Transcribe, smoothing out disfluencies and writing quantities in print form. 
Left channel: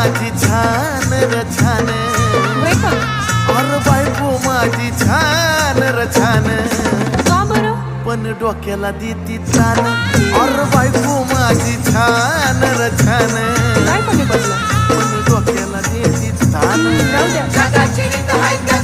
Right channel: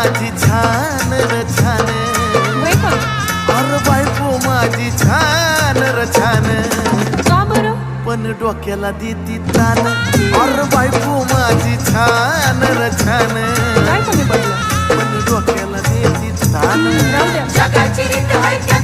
माझी छान र छान, होय का? अरे बायको माझी छान र छान, का बरं? पण डोक्याला देती तान. अरे बायको माझी छान र छान, काय कमी पडलं? पण डोक्याला देती तान. राहू द्या.